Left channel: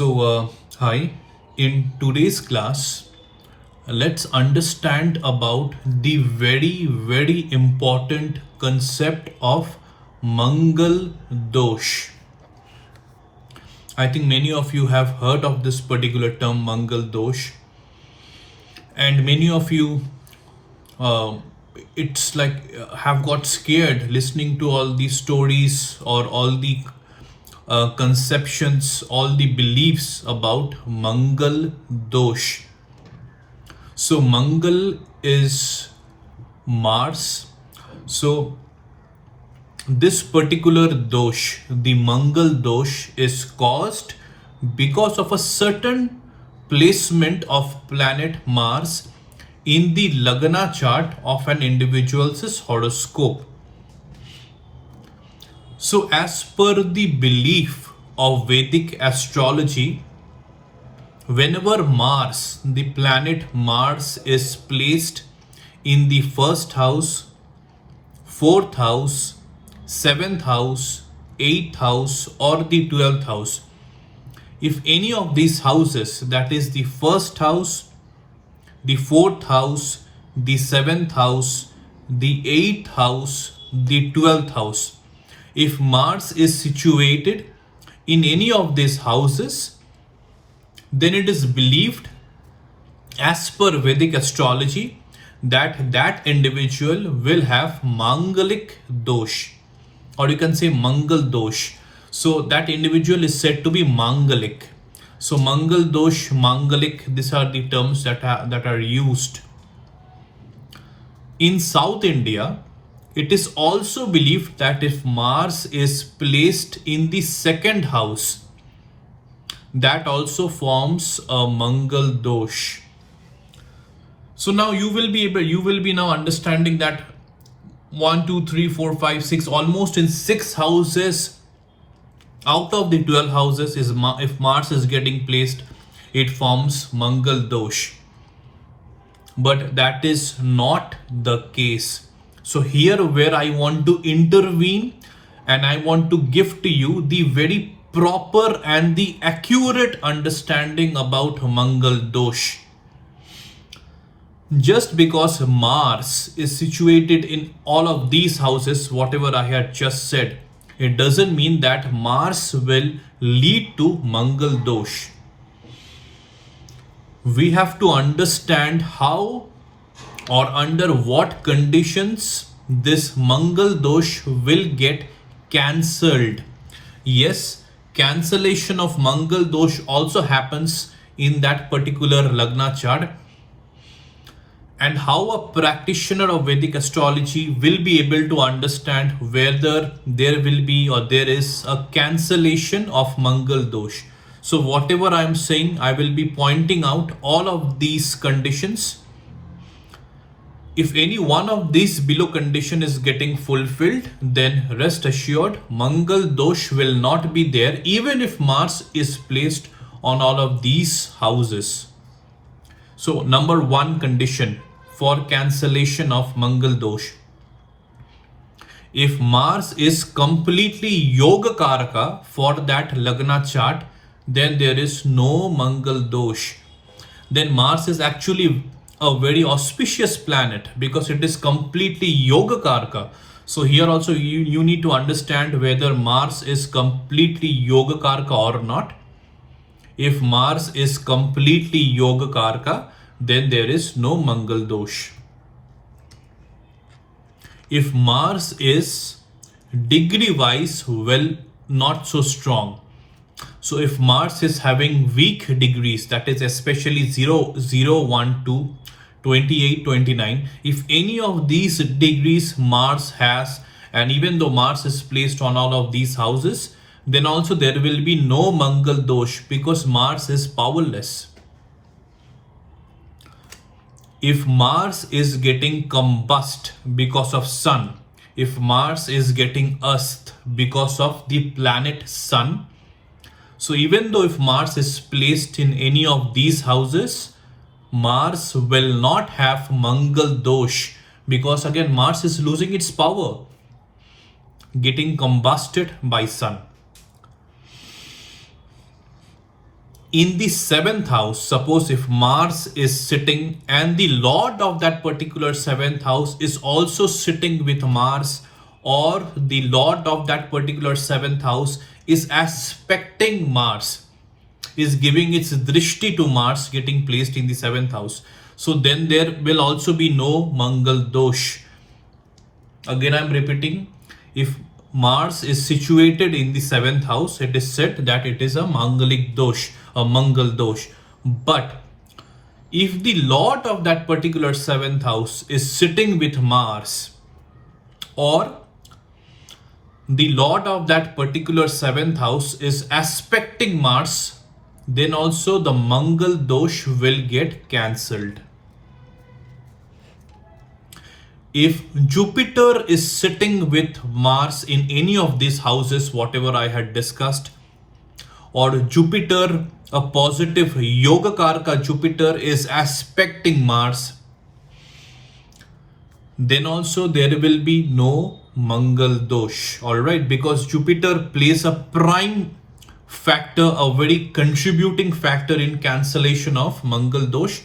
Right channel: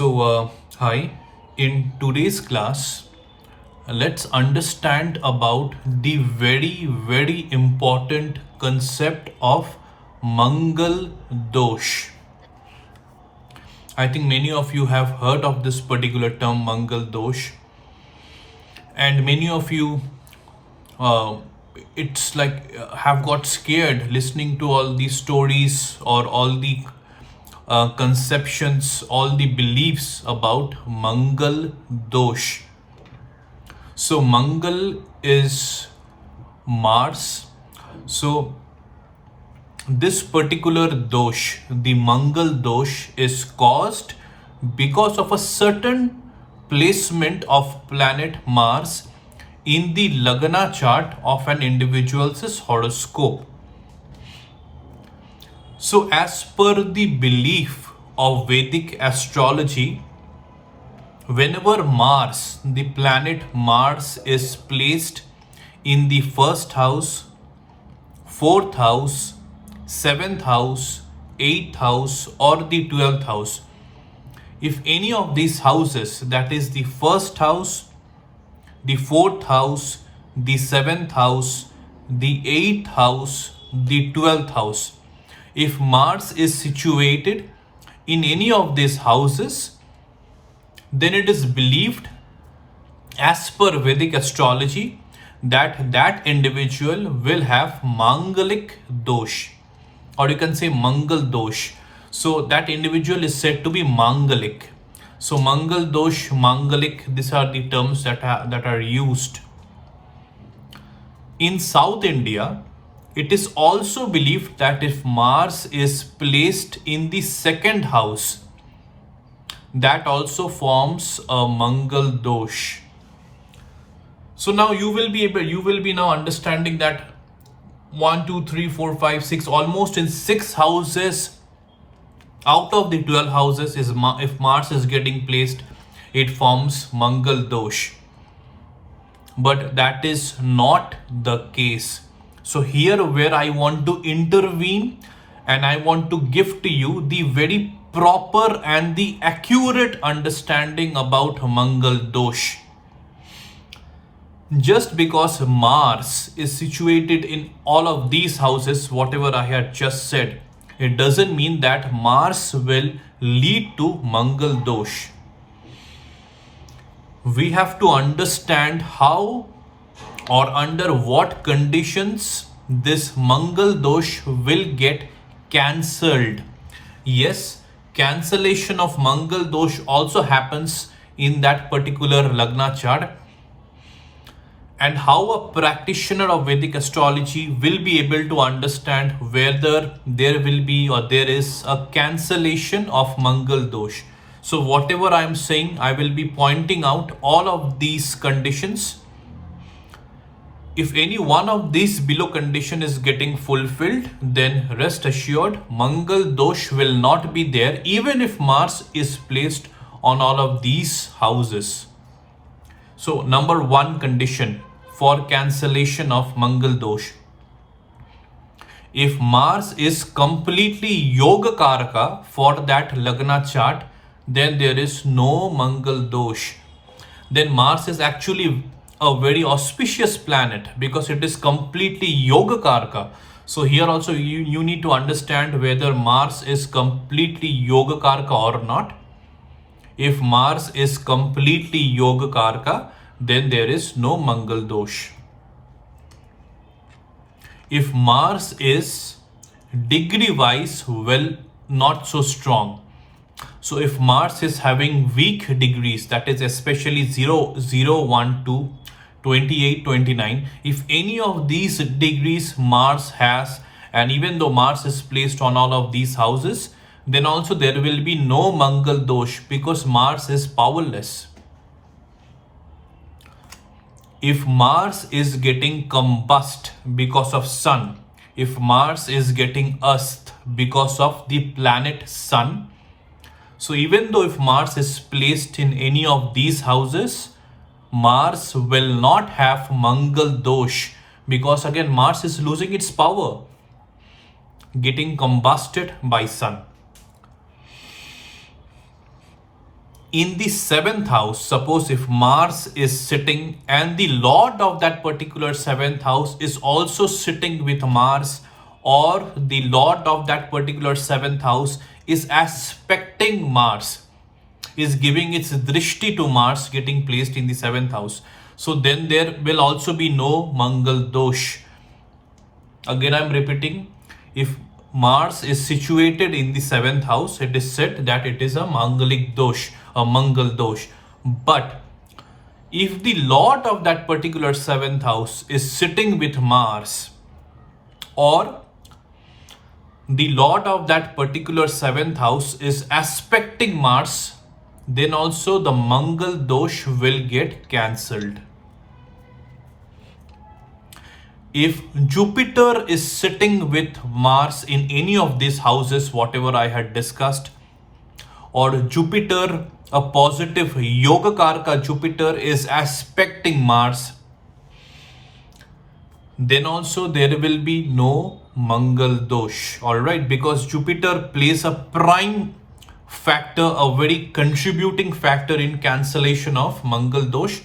Hi. In today's class, let's understand about the very important concept of Mangal Dosh. I think many of you have heard of this particular term, Mangal Dosh, and many of you, uh, it's like have got scared listening to all these stories or all the conceptions, all the beliefs about Mangal Dosh. So Mangal is Mars. So this particular dosh, the Mangal dosh, is caused because of a certain placement of planet Mars in the Lagna chart of an individual's horoscope. So as per the belief of Vedic astrology, whenever Mars, the planet Mars, is placed in the first house, fourth house, seventh house, eighth house, or the 12th house, if any of these houses, that is the first house, the fourth house, the seventh house, the eighth house, the 12th house, if Mars is situated in any of these houses, then it is believed as per Vedic astrology that that individual will have Mangalic dosh, or you can say Mangal dosh. So that individual is said to be Mangalic. So Mangal dosh, Mangalic, these are the terms that are used. In South India, it is also believed that if Mars is placed in the second house, that also forms a Mangal dosh. So now you will be now understanding that 1, 2, 3, 4, 5, 6, almost in 6 houses out of the 12 houses is if Mars is getting placed, it forms Mangal dosh. But that is not the case. So here where I want to intervene and I want to give to you the very proper and the accurate understanding about Mangal dosh. Just because Mars is situated in all of these houses, whatever I had just said, it doesn't mean that Mars will lead to Mangal dosh. We have to understand how or under what conditions this Mangal dosh will get cancelled. Yes, cancellation of Mangal dosh also happens in that particular Lagna chart. And how a practitioner of Vedic astrology will be able to understand whether there will be or there is a cancellation of Mangal dosh. So whatever I am saying, I will be pointing out all of these conditions. If any one of these below condition is getting fulfilled, then rest assured Mangal dosh will not be there even if Mars is placed on all of these houses. So number one condition for cancellation of Mangal dosh: if Mars is completely Yoga Karaka for that Lagna chart, then there is no Mangal dosh. Then Mars is actually a very auspicious planet because it is completely Yoga Karaka. So here also you need to understand whether Mars is completely Yoga Karaka or not. If Mars is completely Yoga Karaka, then there is no Mangal dosh. If Mars is degree wise, well, not so strong. So if Mars is having weak degrees, that is especially 0, 0, 1, 2, 28, 29, if any of these degrees Mars has, and even though Mars is placed on all of these houses, then also there will be no Mangal dosh because Mars is powerless. If Mars is getting combust because of Sun, if Mars is getting ast because of the planet Sun, so even though if Mars is placed in any of these houses, Mars will not have Mangal dosh because again Mars is losing its power, getting combusted by Sun. in the seventh house, suppose if Mars is sitting and the Lord of that particular seventh house is also sitting with Mars, or the Lord of that particular seventh house is aspecting Mars, is giving its drishti to Mars, getting placed in the seventh house. So then there will also be no Mangal Dosh. Again, I'm repeating, if Mars is situated in the seventh house, it is said that it is a Mangalik Dosh, a Mangal Dosh. But if the Lord of that particular seventh house is sitting with Mars, or the Lord of that particular seventh house is aspecting Mars, then also the Mangal Dosh will get cancelled. If Jupiter is sitting with Mars in any of these houses, whatever I had discussed, or Jupiter, a positive Yoga Karka Jupiter, is aspecting Mars, then also there will be no Mangal Dosh. Alright, because Jupiter plays a prime factor, a very contributing factor in cancellation of Mangal Dosh.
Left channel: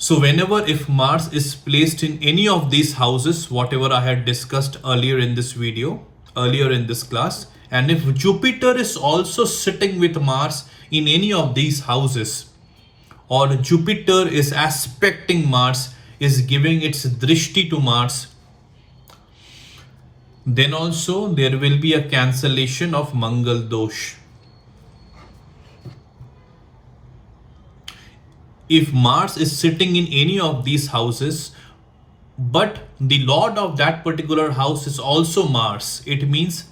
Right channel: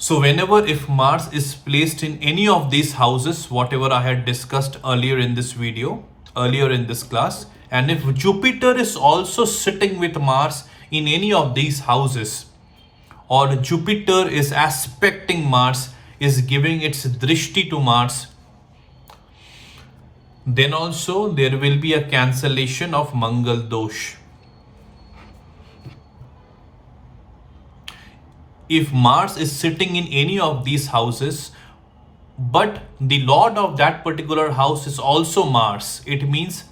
So whenever if Mars is placed in any of these houses, whatever I had discussed earlier in this video, earlier in this class, and if Jupiter is also sitting with Mars in any of these houses, or Jupiter is aspecting Mars, is giving its drishti to Mars, then also there will be a cancellation of Mangal Dosh. If Mars is sitting in any of these houses, but the Lord of that particular house is also Mars, it means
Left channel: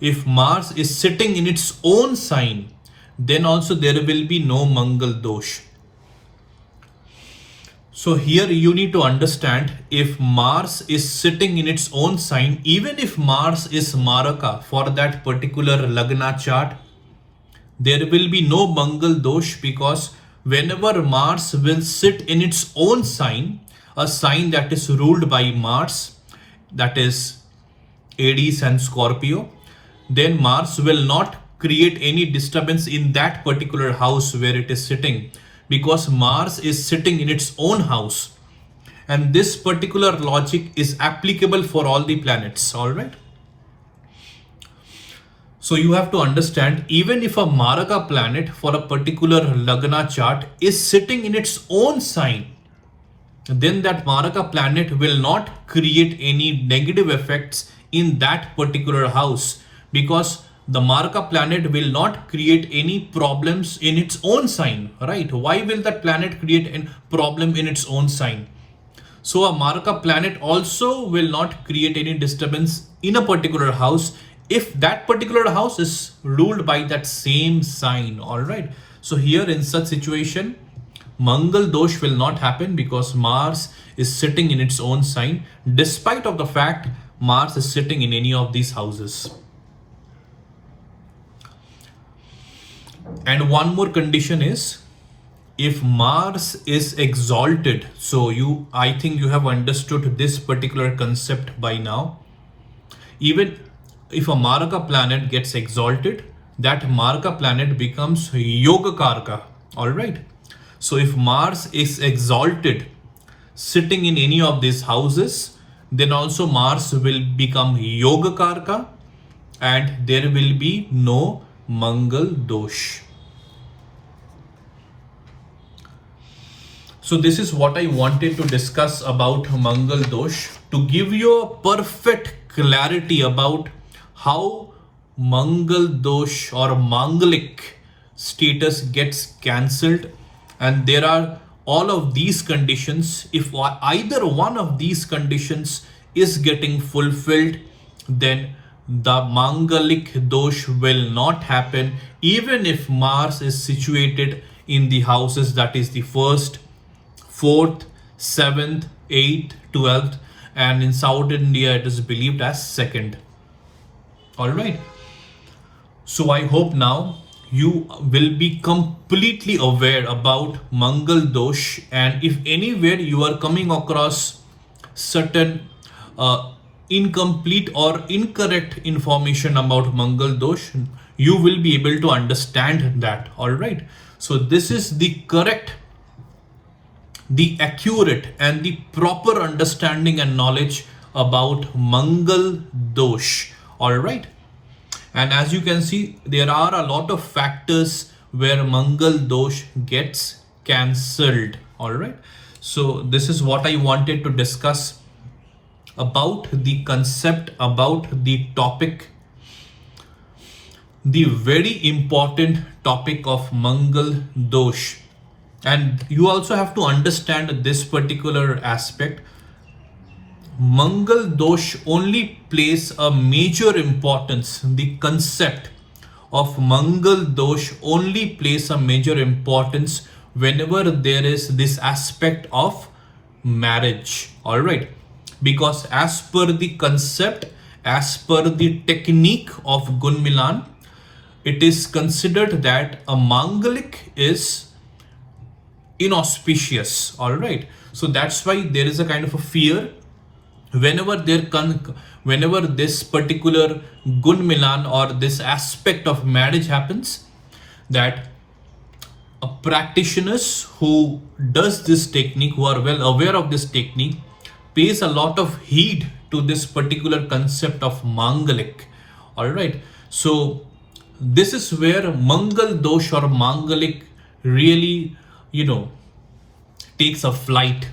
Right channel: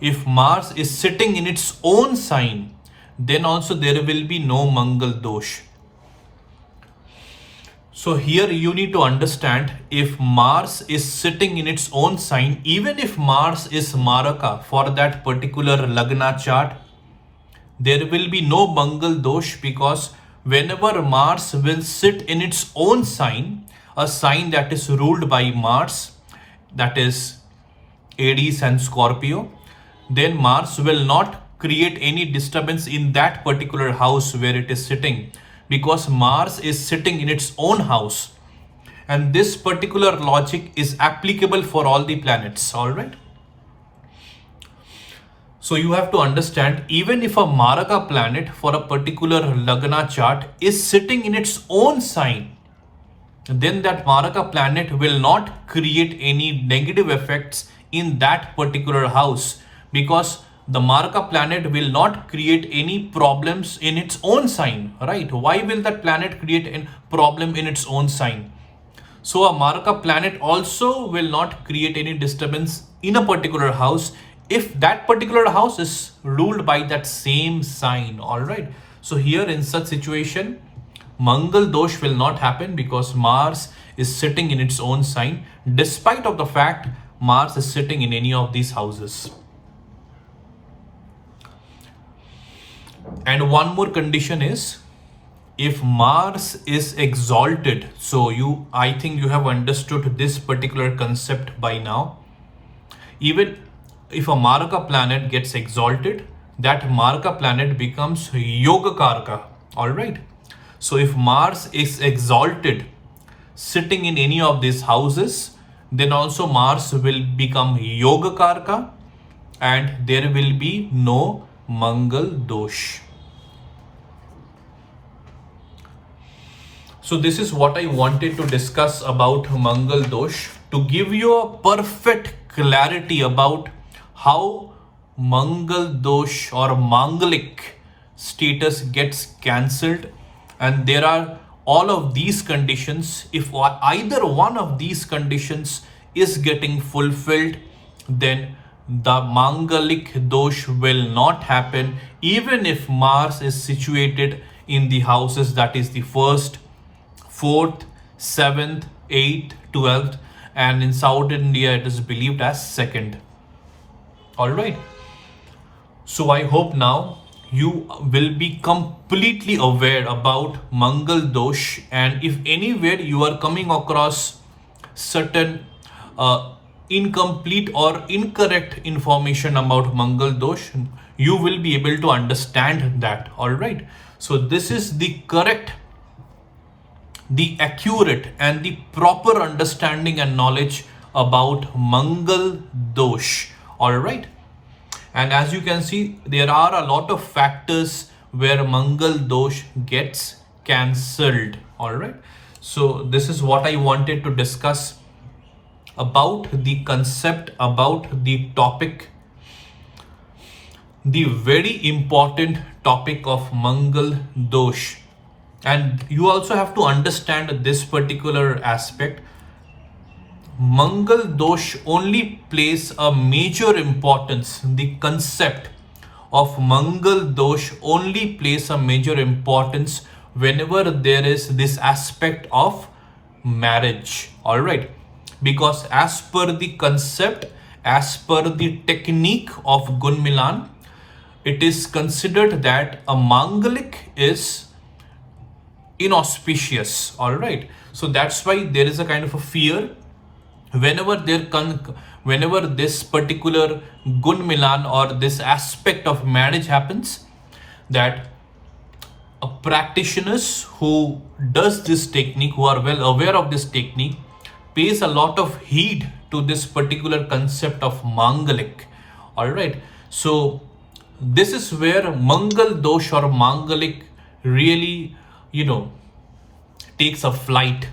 if Mars is sitting in its own sign, then also there will be no Mangal Dosh. So here you need to understand, if Mars is sitting in its own sign, even if Mars is Maraka for that particular Lagna chart, there will be no Mangal Dosh, because whenever Mars will sit in its own sign, a sign that is ruled by Mars, that is Aries and Scorpio, then Mars will not create any disturbance in that particular house where it is sitting, because Mars is sitting in its own house. And this particular logic is applicable for all the planets, all right? So you have to understand, even if a Maraka planet for a particular Lagna chart is sitting in its own sign, then that Maraka planet will not create any negative effects in that particular house, because the Maraka planet will not create any problems in its own sign, right? Why will that planet create a problem in its own sign? So a Maraka planet also will not create any disturbance in a particular house if that particular house is ruled by that same sign, all right? So here in such situation, Mangal Dosh will not happen, because Mars is sitting in its own sign, despite of the fact Mars is sitting in any of these houses. And one more condition is, if Mars is exalted, so I think you have understood this particular concept by now. Even if a Maraka planet gets exalted, that Maraka planet becomes Yoga Karka, all right? So if Mars is exalted sitting in any of these houses, then also Mars will become Yoga Karka, and there will be no Mangal Dosh. So this is what I wanted to discuss about Mangal Dosh, to give you a perfect clarity about how Mangal Dosh or Mangalik status gets cancelled. And there are all of these conditions. If either one of these conditions is getting fulfilled, then the Mangalik Dosh will not happen, even if Mars is situated in the houses, that is the 1st, 4th, 7th, 8th, 12th, and in South India it is believed as 2nd. All right. So I hope now you will be completely aware about Mangal Dosh, and if anywhere you are coming across certain incomplete or incorrect information about Mangal Dosh, you will be able to understand that. All right. So this is the correct, the accurate and the proper understanding and knowledge about Mangal Dosh. All right. And as you can see, there are a lot of factors where Mangal Dosh gets cancelled. All right. So this is what I wanted to discuss about the concept, about the topic, the very important topic of Mangal Dosh. And you also have to understand this particular aspect. Mangal Dosh only plays a major importance. The concept of Mangal Dosh only plays a major importance whenever there is this aspect of marriage. All right. Because as per the concept, as per the technique of Gun Milan, it is considered that a Mangalik is inauspicious. All right. So that's why there is a kind of a fear whenever this particular Gun Milan or this aspect of marriage happens, that a practitioners who does this technique, who are well aware of this technique, pays a lot of heed to this particular concept of Mangalik. All right. So this is where Mangal Dosh or Mangalik really, takes a flight,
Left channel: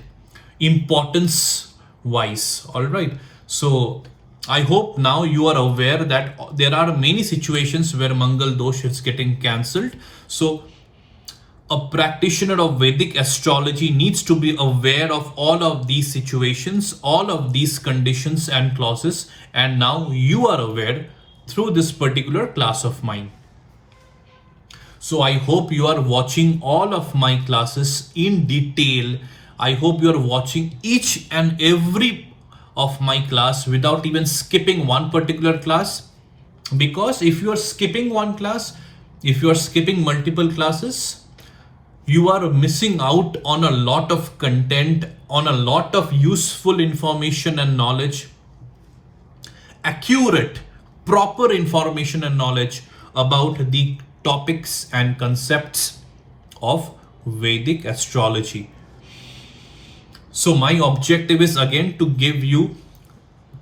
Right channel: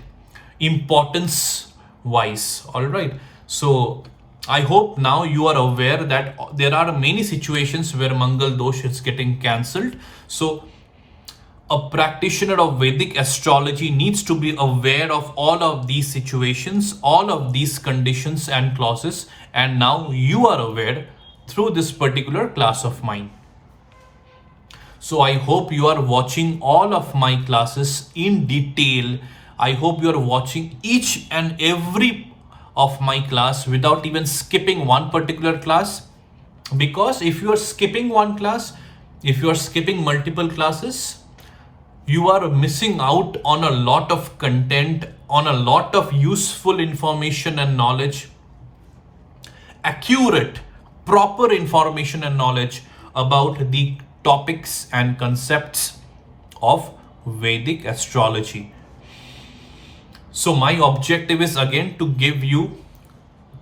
importance wise. All right. So I hope now you are aware that there are many situations where Mangal Dosh is getting cancelled. So a practitioner of Vedic astrology needs to be aware of all of these situations, all of these conditions and clauses. And now you are aware through this particular class of mine. So I hope you are watching all of my classes in detail. I hope you are watching each and every of my class without even skipping one particular class. Because if you are skipping one class, if you are skipping multiple classes, you are missing out on a lot of content, on a lot of useful information and knowledge, accurate, proper information and knowledge about the topics and concepts of Vedic astrology. So my objective is again to give you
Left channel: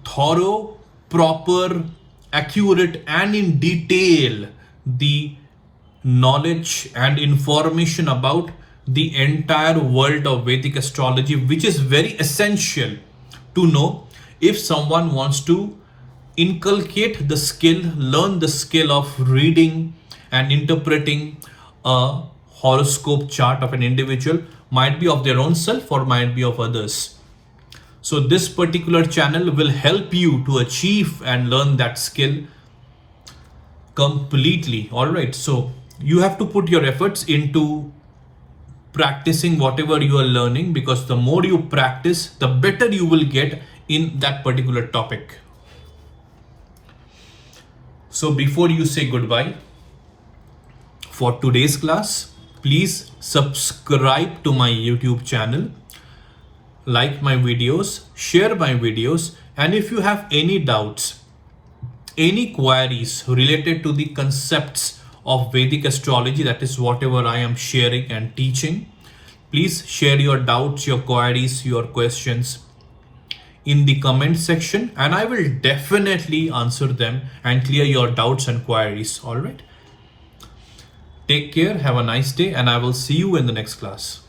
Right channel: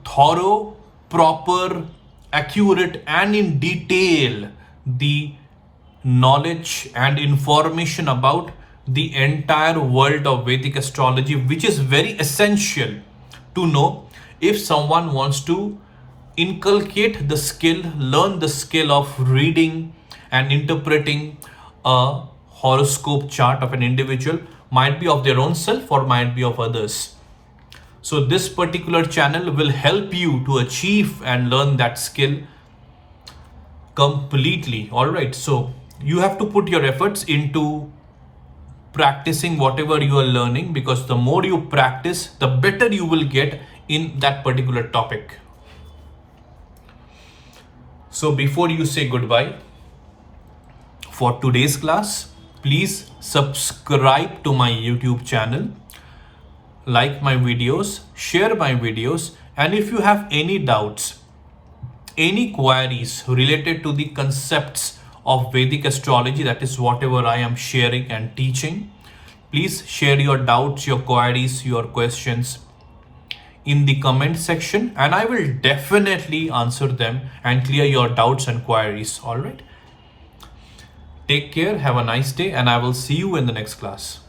thorough, proper, accurate and in detail the knowledge and information about the entire world of Vedic astrology, which is very essential to know if someone wants to inculcate the skill, learn the skill of reading and interpreting a horoscope chart of an individual, might be of their own self or might be of others. So this particular channel will help you to achieve and learn that skill completely. All right. So you have to put your efforts into practicing whatever you are learning, because the more you practice, the better you will get in that particular topic. So before you say goodbye for today's class, please subscribe to my YouTube channel, like my videos, share my videos, and if you have any doubts, any queries related to the concepts of Vedic astrology, that is whatever I am sharing and teaching, please share your doubts, your queries, your questions in the comment section, and I will definitely answer them and clear your doubts and queries. All right. Take care, have a nice day, and I will see you in the next class.